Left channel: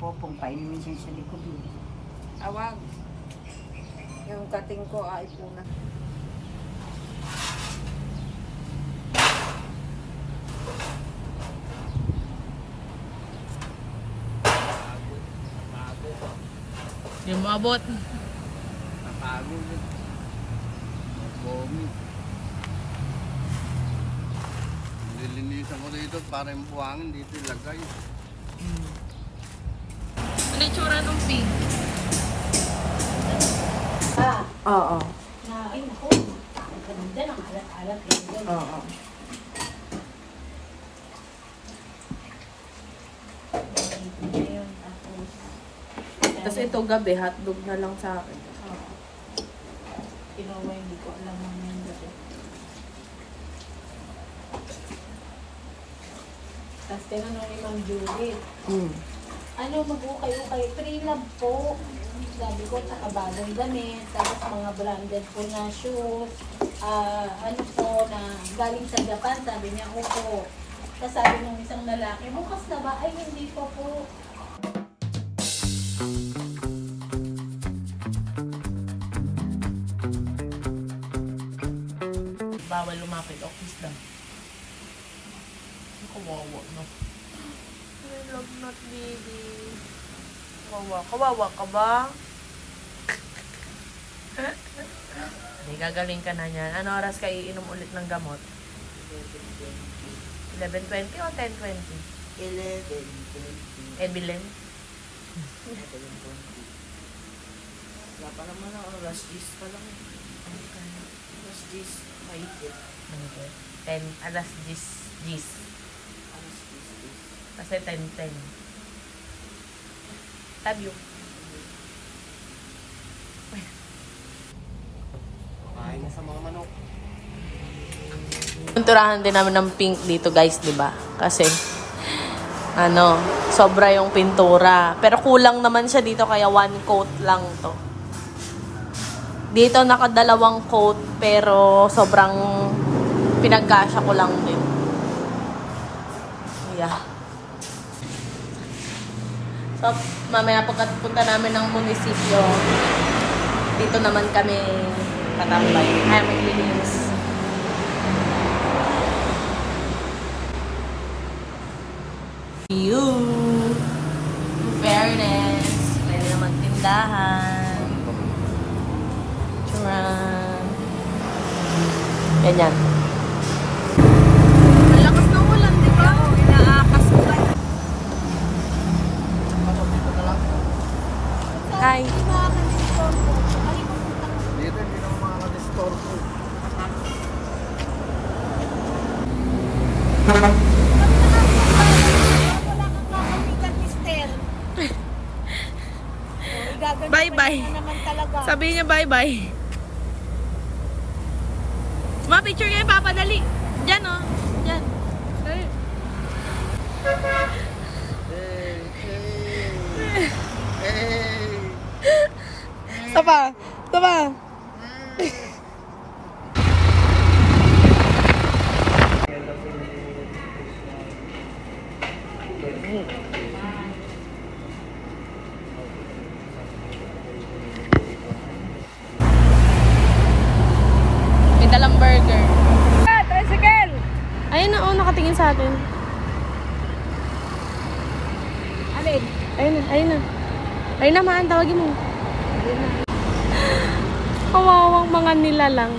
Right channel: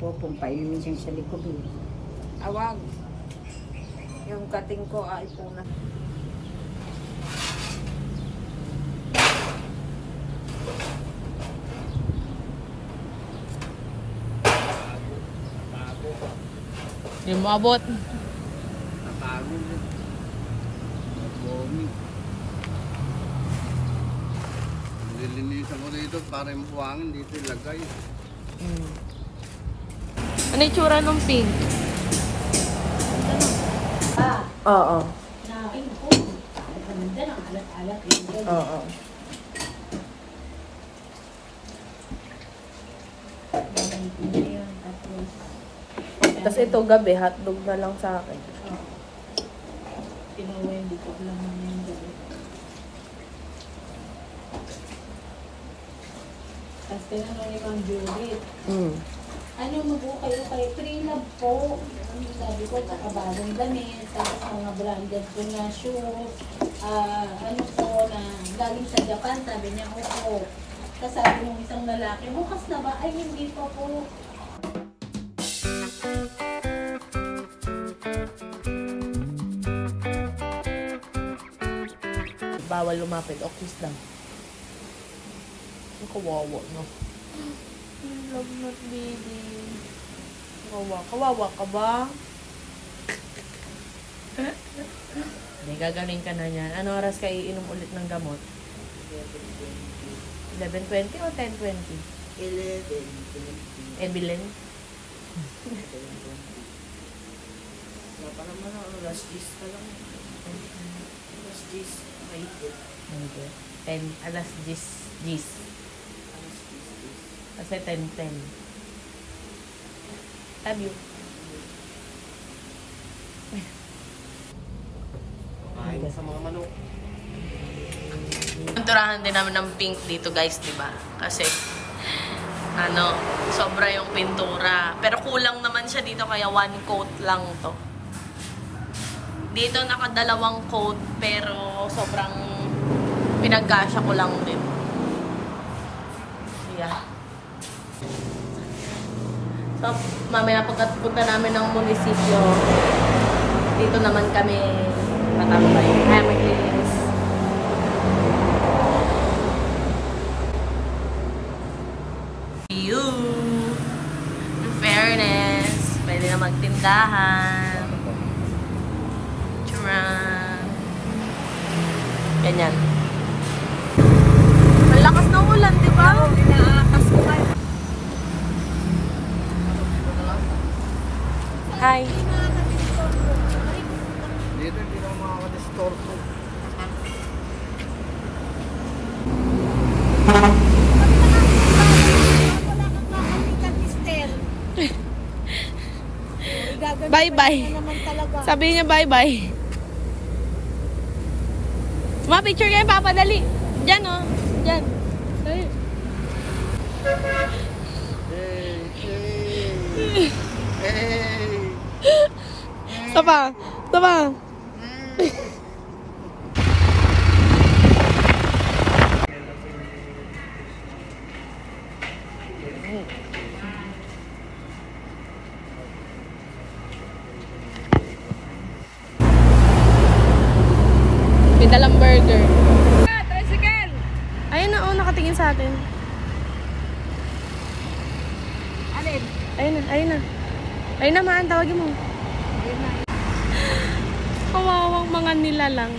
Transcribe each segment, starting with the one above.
Popong painimin siya sa likod. Awag. Yung kating ko ay puna. Hindi mo abot. Napagod. Bomi. Nililinisan ko dito para yung buhangin dito ilagay. Ano yung tsura ng pink? Oo. Nain ko. Ganda ng alat-alat yun. Oo. Tapos ito gabi, hotdog na lang sa akin. Pinuwa hindi ko alam naman yung gabi. Tapos tinanong yung Ma'am Judith. Ano mag-ukay-ukay? Free love po. Sabi ko, saka bagong damit, tapos mga branded po na shoes. Ano po na galing sa Japan, sabi niya ko po. Tapos sabi ng isang lalaki, bukas na ba? Ay, hindi pa po. Bawal lumapit. Okis lang. Ang kawawa mo. I love not baby. Kawawa ka ba? Hindi, gagaling ka na yan. Ano oras ka iinom ulit ng gamot? 11:20 o 10:20? 11:20. Evelyn? Wala pa naman ako. Last days pa lang. Last days. Mahigit. Hindi. 10, alas 10. Alas days. Kasi 10:10. Love you. Kain sa mga manok. Punturahan din namin ng pink dito guys, di ba? Kasi, sobra yung pintura. Pero kulang naman siya dito, kaya one coat lang to. Dito nakadalawang coat, pero sobrang pinagkasya ko lang din. Yeah. So, mamaya pagkapunta namin ng munisipyo, dito naman kami patambay. Ay, maglilinis. You. In fairness, pwede na magtindahan. Tcharan. Ganyan. Malakas na ulan, di ba? Inaakas ko ba? Hi. Dito hindi na makaka-restore ko. Bye-bye. Sabi niya bye-bye. Ma-picture kayo, papadali. Diyan, oh. Diyan. Hey, hey. Hey. Tapa. Tapa. May dalang burger. Tricycle! Ayun na, oh, nakatingin sa atin. Alin? Ayun na, ayun na. Ayun na, maan, tawagin mo. Kawawang mga nilalang.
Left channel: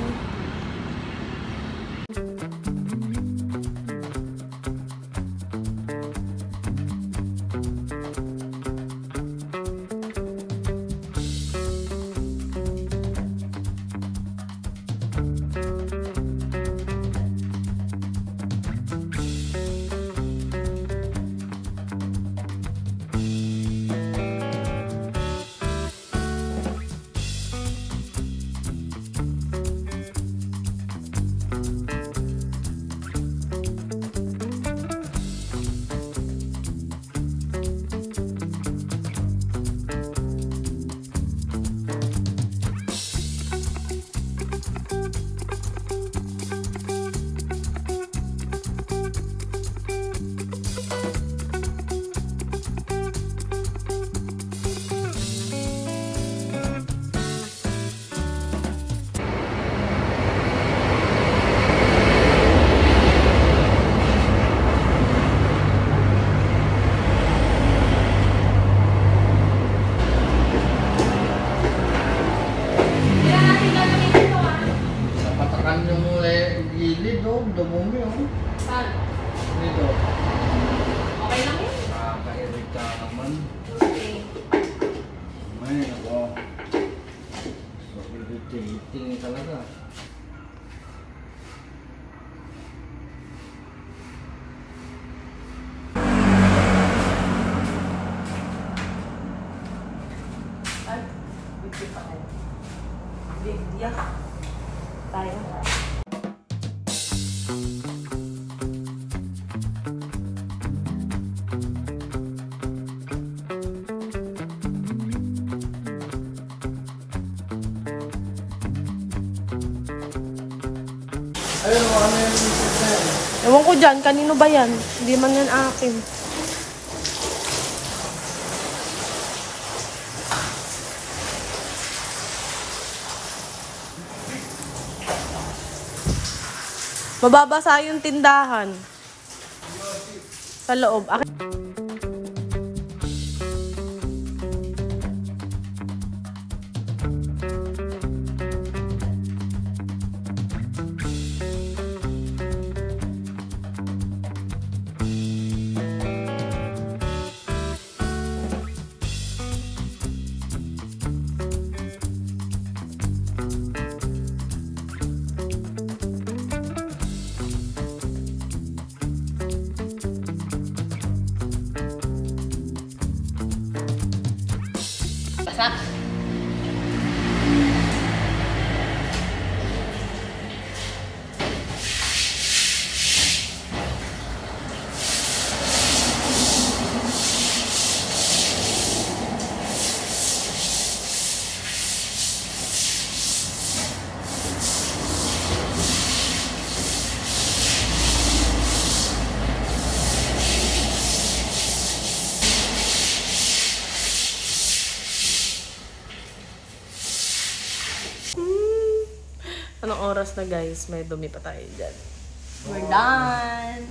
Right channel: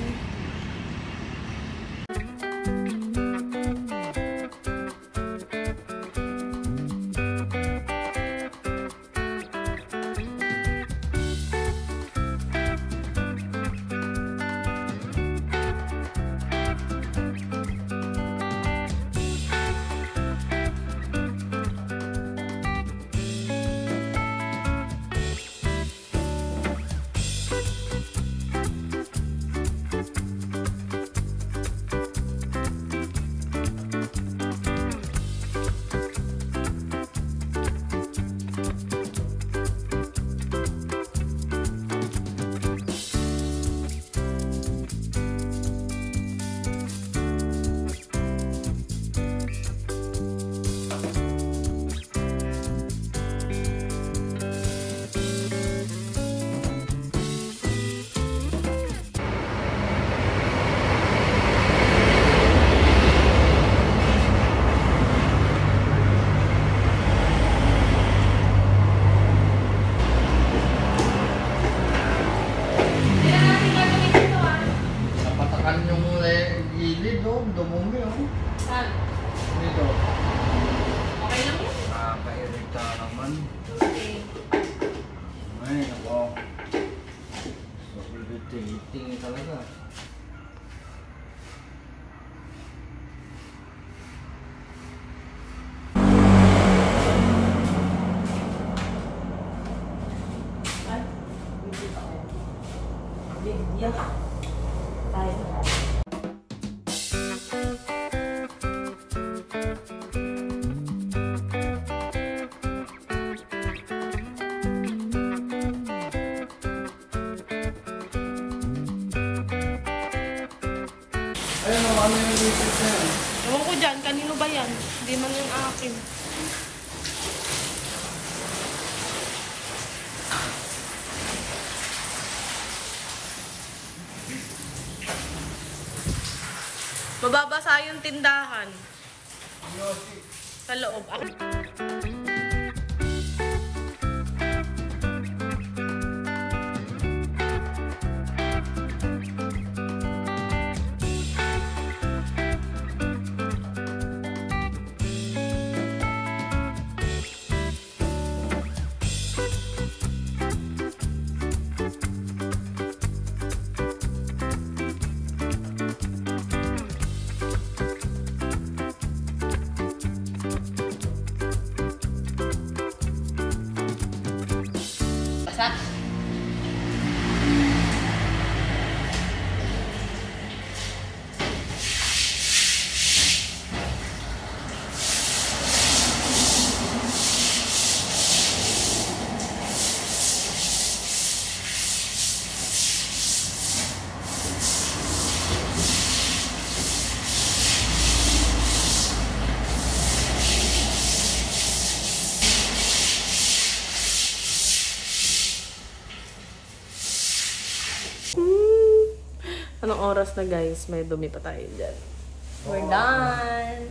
Saan? Dito. Okay lang yun. Nakaka-irrit ka naman. Okay. Ay, ako. Sobrang dating talaga. Ay, bibig ako. Bibig. Tayo. Ano yung research na yan? Ewan ko dyan, kanino ba yan? Hindi man yan akin. Mababasa yung tindahan. Sa loob. Basa. Anong oras na guys? May dumi pa tayo dyan. We're done!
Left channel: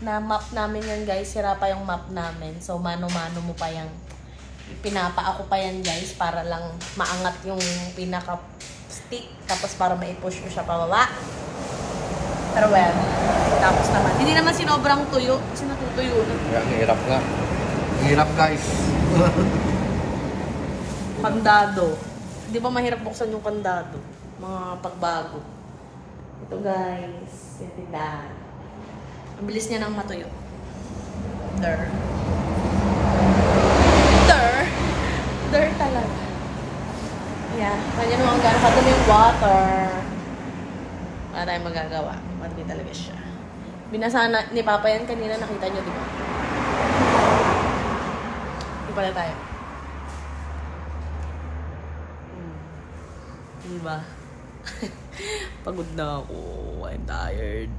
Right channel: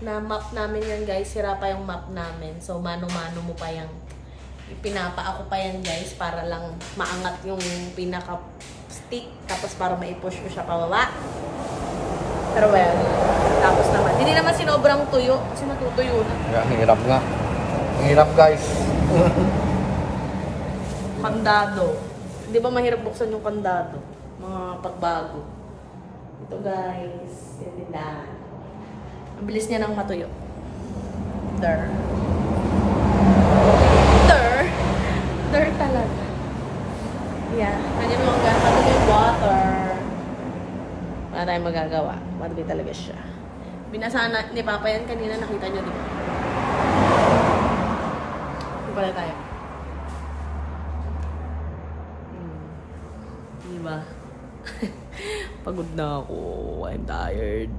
Na-map namin yan guys. Sira pa yung map namin. So, mano-mano mo pa yung ipinapa ako pa yan guys para lang maangat yung pinaka-stick. Tapos para ma-push ko siya pababa. Pero well, tapos naman. Hindi naman sinobrang tuyo. Kasi natutuyo na. Hirap na. Hirap guys. Kandado. Di ba mahirap buksan yung kandado? Mga pagbago. Ito guys. Yan na. Ang bilis niya nang matuyo. Der. Der talaga. Yan. Kanya naman gano'n kadumi yung water. Wala tayong magagawa. Madumi talaga siya. Binasa na ni Papa yan kanina. Nakita nyo, di ba? Hindi pala tayo. Diba? Pagod na ako. I'm tired.